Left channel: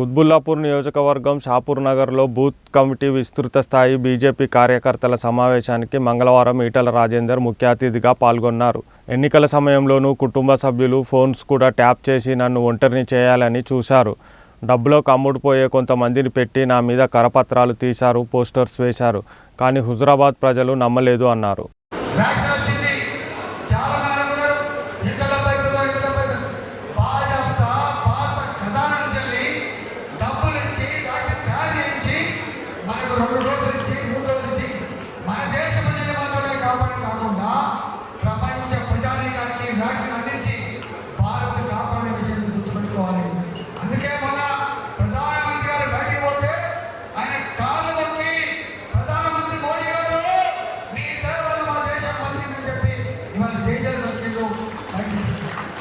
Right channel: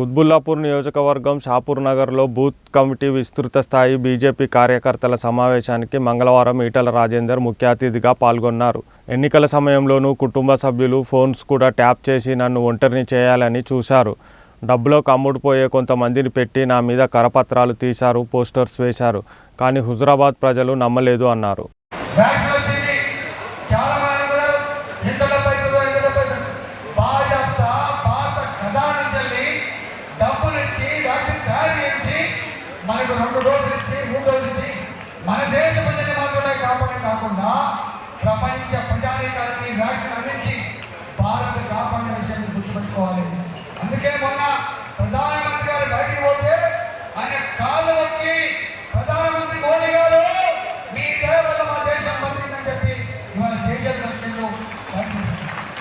కుత్బుల్లాపూర్ నియోజకవర్గం షాపూర్ నగర్లో booth committee విస్తృత స్థాయి బీజేపీ కార్యకర్తల సమావేశానికి మంగళవారం ఈటల రాజేందర్ ముఖ్య అతిథిగా పాల్గొన్నారు. ఎన్నికల సమయంలోనూ కుటుంబ సభ్యులు ఫోన్స్ కూడా ట్యాప్ చేసి నన్ను ఒంటరిని చేయాలని చూశారు. డబ్బులో కమ్ముడుపోయే కొంతమందిని పెట్టి నా మీద కరపత్రాలు తీశారు పోస్టర్స్ వేశారు కానీ హుజురాబాద్ ప్రజలు నమ్మలేదు అన్నారు. మనకు రెండు రోజులు ఇచ్చి మూడు రోజులు ఇచ్చి మన దేశ ప్రజలు మాత్రమే కాపాడే కాకుండా ప్రపంచ ప్రజానీకానికి వ్యాక్సిన్